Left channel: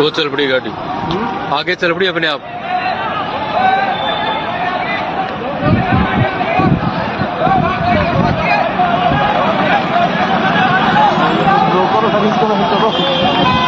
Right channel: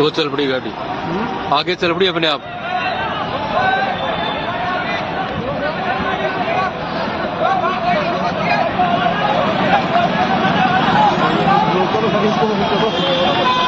वो चल पड़ी गाड़ी, आगे चल पड़ी अपने आप। रोको तो सभी को